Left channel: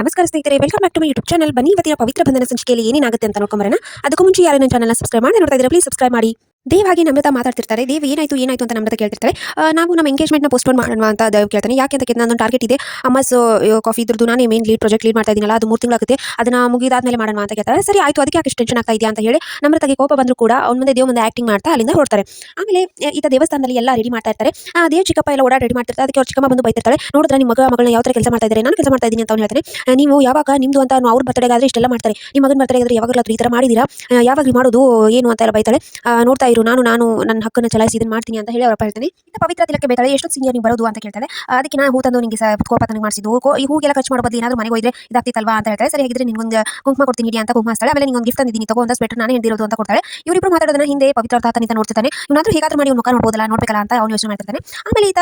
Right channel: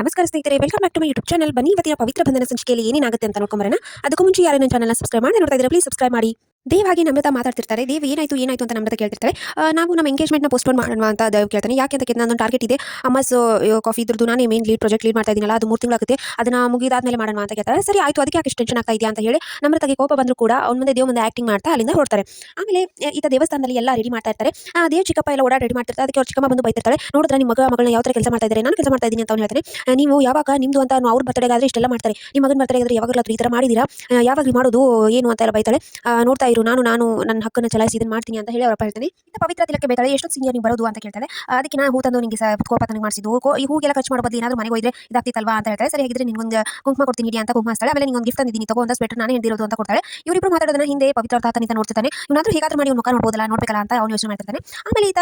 ನಮಸ್ಕಾರ ಸ್ನೇಹಿತರೆ, welcome back to my YouTube channel. ಬನ್ನಿ ಇವತ್ತಿನ ಪವಿತ್ರ ಬಂಧನ ಸಂಚಿಕೆಯಲ್ಲಿ ಏನೇನಾಗುತ್ತೆ ಅಂತ ನೋಡ್ಕೊಂಬರೋಣ. ಅದಕ್ಕೂ ಮುಂಚೆ ಯಾರು ನನ್ನ ಚಾನಲ್ನ ಸಬ್ಸ್ಕ್ರೈಬ್ ಮಾಡಿ ನೋಡ್ತಾ ಇದ್ದಾರೆ, ಪ್ಲೀಸ್ ಸಬ್ಸ್ಕ್ರೈಬ್ ಮಾಡಿ. ದೇವ್ ಹಾಗೆ ನಮ್ರತಾ ಮಾತಾಡ್ತಿರ್ತಾರೆ. ದೇವ್ ಏನಾಯ್ತು ಏನಾಯ್ತು ಅಂತ ನಮ್ರತಾ ಕೇಳ್ತಿರ್ತಾರೆ. ನಾವು ನಮ್ಮ ಎಂಗೇಜ್ಮೆಂಟ್ನ ಪೋಸ್ಟ್ಪೋನ್ ಮಾಡೋಣ ಅಂತ ದೇವ್ ಕೇಳ್ತಾನೆ. ಯಾಕೆ ಅಂತ ಕೇಳಿದ್ರೆ, ನನ್ನ ಟಾರ್ಗೆಟ್ ಇದೆ ಅಮ್ಮಸ್ ಕಾಫಿ ಇದ್ರದ್ದು ನಾನೇ ಮೇನ್ ಪ್ರಾಜೆಕ್ಟ್ ಲೀಡ್ ಮಾಡ್ತಾ ಇದ್ದೀನಲ್ಲ, ಅದು 3 ತಿಂಗಳಾಗುತ್ತೆ, ಅದನ್ನ ಮುಗಿದಾದ್ಮೇಲೆ ಮಾಡೋಣ ಅಂತ ಕೇಳ್ತಾರೆ. ಸರಿ ಆಯ್ತು, ಅದಕ್ಕೆ ಯಾಕೆ ಟೆನ್ಷನ್ ಆಗ್ತಾ ಇದೆಯಾ ಅಂತ ಹೇಳಿ ನಮ್ರತಾಗೆ ಕೋಪ ಬಂದರೂ ಕೂಡ ಅವ್ನ ಮುಂದೆ ದೇವ್ ಮುಂದೆ ಆಕ್ಟಿಂಗ್ ಮಾಡ್ತಾ ಅಲ್ಲಿಂದ ಹೊರಡ್ತಾರೆ. ಆಮೇಲೆ ಈತ ದೇವಸ್ಥಾನದಲ್ಲಿ ಎಲ್ಲ ರೆಡಿ ಮಾಡ್ತಾ ಇರ್ತಾರೆ. ದೇವ್ ಚಿಕ್ಕಪ್ಪ ಎಲ್ಲ ಓಡಾಡಿ ರೆಡಿ ಮಾಡ್ತಿರ್ತಾರೆ. ಅದಕ್ಕೆ ಅವ್ರ ಚಿಕ್ಕಮ್ಮ ಬಂದು ಬೈತಿರ್ತಾರೆ. ನೋಡಿದ್ರೆ ನಿಮ್ಮ ಮಗಳನ್ನ ಯಾವ ಥರ ಕೆಲಸ ಮಾಡ್ತಾ ಇದ್ದಾರೆ, ನಾನು ಕೆಲಸ ಮಾಡ್ತಾ ಇದ್ದೀನಿ ಅಂತ ಅವ್ನು ಹೇಳ್ತಾನೆ. ನೀವು ಯಾವಾಗ ನಿಮ್ದು ಅಂತ ಅವ್ರ ಬರ್ತಡೆಗಾದ್ರೆ ಇಷ್ಟೆಲ್ಲ ಮಾಡ್ತಾರೆ, ನಿಮ್ಮ ಮಗನ ಬರ್ತಡೆಗಾದ್ರೆ ಯಾವಾಗಲಾದ್ರೂ ಈ ಥರ ಮಾಡಿದ್ದೀರಾ, ಯಾವಾಗಲೂ ಮಾಡೋದು ಏನು ಅಂತ ಎಲ್ಲ ಬೈತಾಳೆ. ನೋಡ್ತಾ ಇರು, ನಾನು ನನ್ನ ಹಕ್ಕನ್ನು ಚಲಾಯಿಸಿ ಇದನ್ನು ಮಾಡ್ತೀನಿ ಅಂತ ಹೇಳಿ ಅವರಪ್ಪ ಹೇಳ್ತಾನೆ. ಇಂಥ ಪವಿತ್ರ ತಿಲಕ್ಕೆ ಬೇಕಾಳೆ, ಎಷ್ಟೊತ್ತು ಸೀನಿಯರ್ ನೀವು ಬರೋದು ಅಂತ ಕೇಳ್ತಾಳೆ. ಅದಕ್ಕೆ ನಾನು ಹೂ ತಂದು ನಿಮಗೆ ಕೋಪ ತಂದು ಮಾಡಿಸಿದ್ದು, ಈ ಹೂಗೆಲ್ಲ ಖರ್ಚು ಮಾಡೋ ಬದಲು ಏನಾದರೂ ಮನೆಗೆ ಹೋದ್ರೆ ಇದಾಗ್ತಿತ್ತಲ್ವಾ ಅಂತ ಹೇಳ್ತಾರೆ. ಸರಿ ಹಾಗಿದ್ರೆ ನಿನ್ಗೊಂದು ಕುಂಕುಮ ಕೊಡ್ತೀನಿ ಇಡಿ ಅಂತ ಕುಂಕುಮ ಹಚ್ತಾಳೆ. ಆಮೇಲೆ ನಿಂಗೊಂದು ಗಿಫ್ಟ್ ತಂದಿದ್ದೀನಿ ತಗೋ, ಒಂದು ಸ್ವೆಟರ್ ನಾನೇ ಹಿಡಿದಿರೋದು ಅಂತ ಕೊಡ್ತಾಳೆ. ಇವರಿಬ್ಬರು ಮಾತಾಡೋದನ್ನ ಹಿಂದೆ ಪವಿತ್ರ ತಾತನಿಂದ ನೋಡ್ತಿರ್ತಾನೆ. ಇವನಾದ್ರೂ ಹೇಗಾದ್ರೂ ಮಾಡಿ ಮುಖ ನೋಡ್ಬೋದಲ್ಲ, ನೋಡ್ಬೇಕಲ್ಲ ಅಂತ ಅವ್ನು ಯೋಚನೆ ಮಾಡ್ತಿರ್ತಾನೆ. ಆಮೇಲೆ ಈತ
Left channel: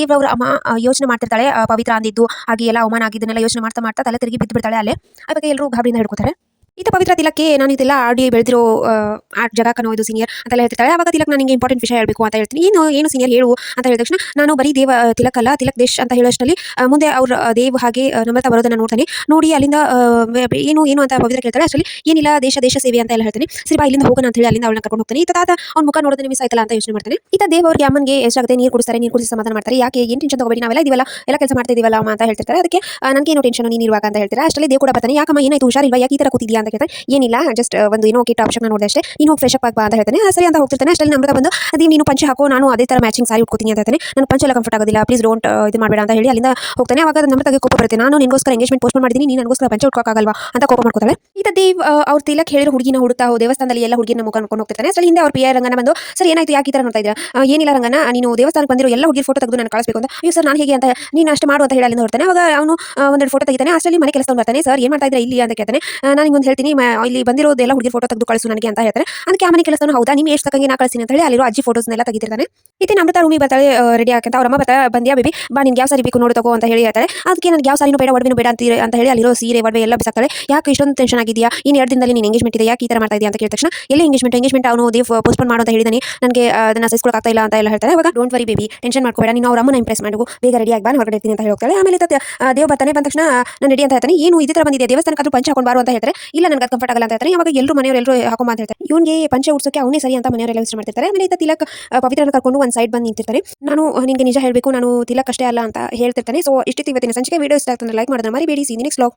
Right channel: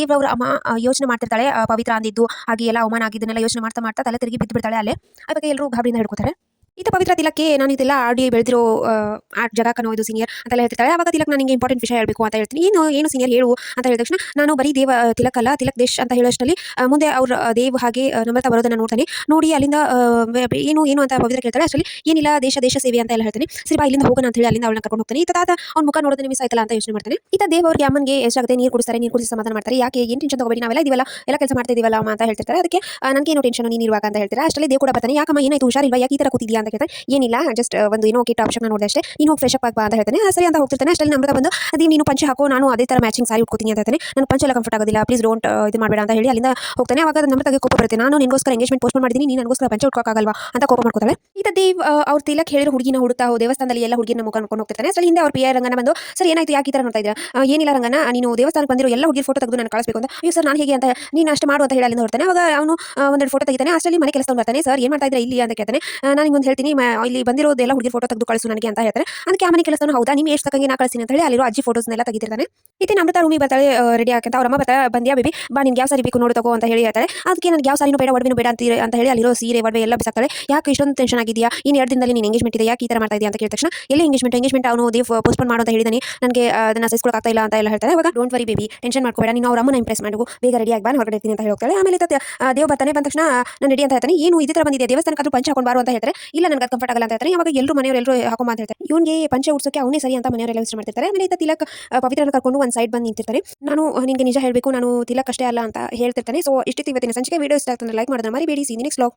ದೇವ್ ಅವ್ರ ಅಮ್ಮ ಯೋಚನೆ ಮಾಡ್ತಿರ್ತಾಳೆ. ಪವಿತ್ರ ಅಂದಿದ್ದು ಹಾಗೆ ಎಲ್ಲ ಅವಮಾನ ಆಗಿದ್ದನ್ನೆಲ್ಲ ಯೋಚನೆ ಮಾಡ್ತಾ ಮಾಡ್ತಾ ತಲೆ ತಿರುಗಿ ಬಿದ್ದು ಬಿಡ್ತಾಳೆ. ಅಲ್ಲೇ ಆ ಬಗ್ಗೆ ಎಲ್ಲರೂ ಗಾಬರಿಯಿಂದ ಹಿಡ್ಕೊತಾರೆ. ಈತ ಪವಿತ್ರ ತಿಲಕ್ಕೆ ನಾನು ಇದೆಲ್ಲ ಆಡಿ ಬೆಳೆದಿರೋ ಆರ್ಟ್ ಜಾಗ ಕನ್ನೋದು ಸೀನಿಯರ್ ಅಂತೆಲ್ಲ ಹೇಳ್ತಿರ್ತಾಳೆ. ಆವಾಗ ತಿಲಕ್ ನಾನು ನಿಮಗೆ ಇಂಪಾರ್ಟೆಂಟ್ ವಿಷಯ ಹೇಳಬೇಕು ಅಂತ ಹೇಳ್ತೀನಿ. ಏನು ಸೀನಿಯರ್ ಹೇಳು ಅಂತ ಹೇಳಿದ ತಕ್ಷಣ, ನಾನು ಬರೀ ದೇವ ತಿಲಕ್ ಅಲ್ಲ, ತಿಲಕ್ ದೇಶ್ ಅಂತ ಹೇಳೋಷ್ಟರಲ್ಲಿ ಮುಂದೆ ಅವ್ರ ದೇವ್ ಹಾಗೆ ನಮ್ರತಾ ಬರೋದನ್ನ ನೋಡ್ತಾನೆ. ನೋಡಿ ಅಲ್ಲಿಂದ ಏನು ಅಂತ ಪವಿತ್ರ ಕೇಳ್ತಾಳೆ. ಅಷ್ಟರಲ್ಲಿ ಏನಿಲ್ಲ, ದೇಶ ಸೇವೆ ಅಂತ ಎಲ್ಲ ಹೇಳ್ತಾನೆ. ಸರಿ ಬಾ ಇಲ್ಲಿಂದ ಹೋಗೋಣ ಅಂತ ಹೇಳಿ ಅಲ್ಲಿಂದ ಅವಳನ್ನ ಕರ್ಕೊಂಡು ಹೋಗ್ತಾನೆ. ಈತ ತಾತ ಅವ್ನ ಮುಖ ನೋಡೋದನ್ನ ಮಿಸ್ ಆಯ್ತಲ್ಲ ಅಂತ ಯೋಚನೆ ಮಾಡ್ತಾನೆ. ಈತ ದೇವ್ ಅವ್ರಿಗೆ ಅಮ್ಮನಿಗೆ ಎಷ್ಟಾಗುತ್ತೆ ನೀರು ಕುಡಿಸ್ತಾರೆ, ನೀರು ಕುಡಿಸಿ ಸಮಾಧಾನ ಮಾಡ್ತಾರೆ. ಯಾಕೆ ಏನು ಟೆನ್ಷನ್ ತಗೋಬೇಡಿ, ನಾವೆಲ್ಲ ಇದೀವಲ್ಲ, ಎಲ್ಲ ಕೆಲಸ ಮಾಡ್ತಾ ಇದೀವಲ್ಲ ಅಮ್ಮ ಅಂತ ಹೇಳ್ತಿರ್ತಾರೆ. ಅದಕ್ಕೆ ನನಗೇನು ಟೆನ್ಷನ್ ನೀನು ಇರುವಾಗ ಅಂತ ಹೇಳ್ತಾರೆ. ಅಷ್ಟರಲ್ಲಿ ದೇವ್ ಕೂಡ ಬರ್ತಾನೆ. ಯಾಕಮ್ಮ ಏನಾಯ್ತು, ಹುಷಾರಿಲ್ವಾ, ಯಾಕೆ ಈ ಥರ ಕೂತಿದ್ಯಾ ಅಂತ ಕೇಳ್ತಾನೆ. ಏನಿಲ್ಲ, ಜಸ್ಟ್ ಒಂದು ಏನೋ ಕಿಟ್ ಆಪ್ಷನ್ ನೋಡಿದೆ ಅಷ್ಟೇ, ನೀನು ಹೋಗಿ ಫ್ರೆಶ್ ಅಪ್ ಆಗ್ಬಾ ಅಂತ ಹೇಳ್ತಾನೆ. ಸರಿ ಅಂತ ಹೋಗ್ತಿರ್ತಾನೆ. ಅಷ್ಟರಲ್ಲಿ ನಮ್ರತಾ ಬಂದು ಅದೇ ನೀನು ಪಂಚೆ ಹಾಕೋ, ನಾನು ಅದೇ ಥರ ಮ್ಯಾಚಿಂಗ್ ಸಾರಿ ಉಟ್ಕೋತೀನಿ ಅಂತ ಹೇಳ್ತಾನೆ. ನಾನು ಪಂಚೆ ಎಲ್ಲ ಕಂಫರ್ಟ್ ಆಗೋದಿಲ್ಲ, ಪ್ಲೀಸ್ ಡೋಂಟ್ ಇದು ಮಾಡಬೇಡ ಅಂತ ಹೇಳಿ ಅಲ್ಲಿಂದ ಹೋಗ್ತಾನೆ. ಅವಾಗ ನಮ್ರತಾಗೆ ಕೋಪ ಬರುತ್ತೆ. ನಾನು ನಿನಗೋಸ್ಕರ ಎಂಗೇಜ್ಮೆಂಟ್ ಪೋಸ್ಟ್ ಮಾಡಿದ್ದೀನಿ, ನೀನು ನನಗೋಸ್ಕರ ಪಂಚೆ ಉಟ್ಕೋಕ್ಕಾಗಲ್ವಾ ಅಂತ ಕೋಪ ಮಾಡ್ಕೋತಾಳೆ. ಈತ ದೇವ್ ಅವ್ರ ತಿಲಕ್ ಹೇಳಿರೋ ಹುಡುಗಿನ ಹುಡುಕ್ತಾ ದೇವಸ್ಥಾನದಲ್ಲಿ ಎಲ್ಲ ಹುಡುಗಿನ ಮುಖ ನೋಡ್ಕೊಂಡು ಹೋಗ್ತಿರ್ತಾನೆ. ಅಷ್ಟರಲ್ಲಿ ಹಿಂದೆ ಅವ್ರ ಪಿಯ ರಂಗನ ಬಂದು, ಸರ್ ಏನಾಯ್ತು, ಯಾಕೆ ಈ ಥರ ನೋಡ್ತಾ ಇದ್ದೀರಾ, ಏನಿಲ್ಲ ರಂಗನ, ನೀನು ದೇವಸ್ಥಾನಕ್ಕೆ ಬಂದಿರೋ ಎಲ್ಲ ಹುಡುಗಿ ಫೋಟೋ ತೆಗೆದು ನಾನು ಕಳಿಸಬೇಕು ಅಂತ. ಅಯ್ಯೋ ಸರ್ ನಾನು ಹೇಗೆ ಅಂತ ನೀನು ಅಷ್ಟು ಮಾಡು ಅಂತ ಹೇಳಿ ಅಲ್ಲಿಂದ ಹೊರತಾನೆ. ಅವಾಗ ಅವನು ಒಂದೆರಡು ಫೋಟೋ ತೆಗಿತಾನೆ. ಅಷ್ಟರಲ್ಲಿ ಮನೆ ಕೆಲಸ ಬರ್ತಾನೆ. ಸರ್ ಏನು ಮಾಡ್ತಾ ಇದ್ದೀರಾ ಇಲ್ಲಿ ಅಂತ ಕೇಳ್ತಾನೆ. ನಾನು ನಿಮ್ಗೆ ಹೇಳ್ತೀನಿ, ಇಲ್ಲಿ ಬಂದಿರೋದೆಲ್ಲ ಹುಡುಗಿ ಫೋಟೋ ತೆಗೆದು ಕಳಿಸು ನನಗೆ ಅಂತ ಹೇಳ್ತಾರೆ. ಅದಕ್ಕೆ ಆ ಮನೆ ಕೆಲಸನ ಹೌದಾ, ನೀವು ಎಷ್ಟು ತಕ್ಕಂಗೆ ನಾ ಕಳಿಸ್ತೀನಿ ಅಂತ ಹೇಳಿ ಅಲ್ಲಿರೋ ಅಜ್ಜಿ ಫೋಟೋಸ್ನೆಲ್ಲ ತೆಗಿತಿರ್ತಾನೆ. ಇತ್ತೆ ನಮ್ರತಾ ರೂಮಿಗೆ ಬರ್ತಾಳೆ ರೆಡಿ ಆಗಂತ. ಅವ್ರ ಅಮ್ಮ ಬಂದ್ಯಾ ಬೇಬಿ ಬಾ, ನಿನ್ಗೆ ಯಾವ ಸಾರಿ ಬೇಕು ನೋಡು ತಗೋ ಅಂತ ಹೇಳಿ ಹೇಳ್ತಾರೆ. ಅದಕ್ಕೆ ನನಗೆ ಯಾವ ಸಾರಿನೂ ಬೇಡ, ಒಡವೆನೂ ಬೇಡ ಅಂತ ಹೇಳಿ ಅಲ್ಲಿರೋ ಸೀರೆ ಒಡವೆ ಎಲ್ಲ ಬಿಸಾಕ್ತಾಳೆ. ಯಾಕೆ ಇಷ್ಟೊಂದು ಟೆನ್ಷನ್ ಆಗಿದೆಯಾ, ಇನ್ನು 2 ದಿನದಲ್ಲಿ ನೀನು ಎಂಗೇಜ್ಮೆಂಟ್ ಇದೆ, ಯಾಕೆ ಈ ಥರ ಮಾಡ್ತಾ ಇದೆಯಾ ಅಂತ ಕೇಳಿದ ತಕ್ಷಣ, ಎಲ್ಲಿ ಎಂಗೇಜ್ಮೆಂಟ್ ಅವನು ದೇವ್ ಪೋಸ್ಟ್ಪೋನ್ ಮಾಡು ಅಂತ ಹೇಳಿದಾನೆ, ನನಗೆ ಅದನ್ನ ಸಹಿಸ್ಕೊಳ್ಳೋಕೆ ಆಗ್ತಾ ಇಲ್ಲ ಅಂತ ಎಲ್ಲ ಹೇಳ್ತಾರೆ. ಅವಾಗ ಡೋಂಟ್ ವರಿ ಬೇಬಿ, ಟೆನ್ಷನ್ ಮಾಡ್ಕೋಬೇಡ, ನೀನು ಅವ್ರ ಅಮ್ಮನ ಇಂಪ್ರೆಸ್ ಮಾಡು, ಬೇಗ ರೆಡಿ ಆಗಿ ಬಾ, ಹೊರಗಡೆ ಇರ್ತೀನಿ ಅಂತ ಹೇಳ್ತಾಳೆ. ಆಮೇಲೆ ದೇವ್ ಬರ್ತಾನೆ. ಬಂದ ತಕ್ಷಣ ನಾನು ರೆಡಿ ಅಂತ ಹೇಳ್ತಾನೆ. ಏನು ಇದೇ ಥರ ಬಂದಿದೆ, ದೇವಸ್ಥಾನಕ್ಕಾದ್ರೂ ಪಂಚೆ ಹಾಕೊಂಡು ಬಾರು ಅಂತ ಹೇಳ್ತಾರೆ. ಇಲ್ಲ ನನಗೆ ಅದು ಕಂಫರ್ಟ್ ಆಗಲ್ಲ ಅಂತ ಹೇಳ್ತಾರೆ. ಅವಾಗ ಮನೆಯವರೆಲ್ಲರೂ ಹಾಕೊಂಬ ಅಂತ ಹೇಳ್ತಾರೆ. ಇವನಿಗೆ ಪಂಚೆ ಉಡ್ಸೋಕೆ ಅವನೇ ಸರಿ ಅಂತ ಮನೆಯವರೆಲ್ಲ ವಿಚಾರ ಮಾಡ್ತಿರ್ತಾರೆ. ಆಮೇಲೆ ಈತ ತಿಲಕ್ ಪವಿತ್ರನ ಕರ್ಕೊಂಡು ಒಂದು ಸೈಡ್ ಬಂದು ನಿಂತಿರ್ತಾನೆ. ನಾನು ನಿನಗೆ ನಿಜ ಹೇಳಬೇಕು, ನಾನು ತಿಲಕ್ ಅಷ್ಟೇ ಅಲ್ಲ ಅಂತ ಹೇಳ್ತಿರ್ತಾನೆ. ಸೊ ಇಷ್ಟಿತ್ತು ಇವತ್ತಿನ ಸಂಚಿಕೆ. ವಿಡಿಯೋ ಇಷ್ಟ ಆಗ್ತದೆ ಲೈಕ್ ಮಾಡೋದನ್ನ ಮರಿಬೇಡಿ. C next vlog.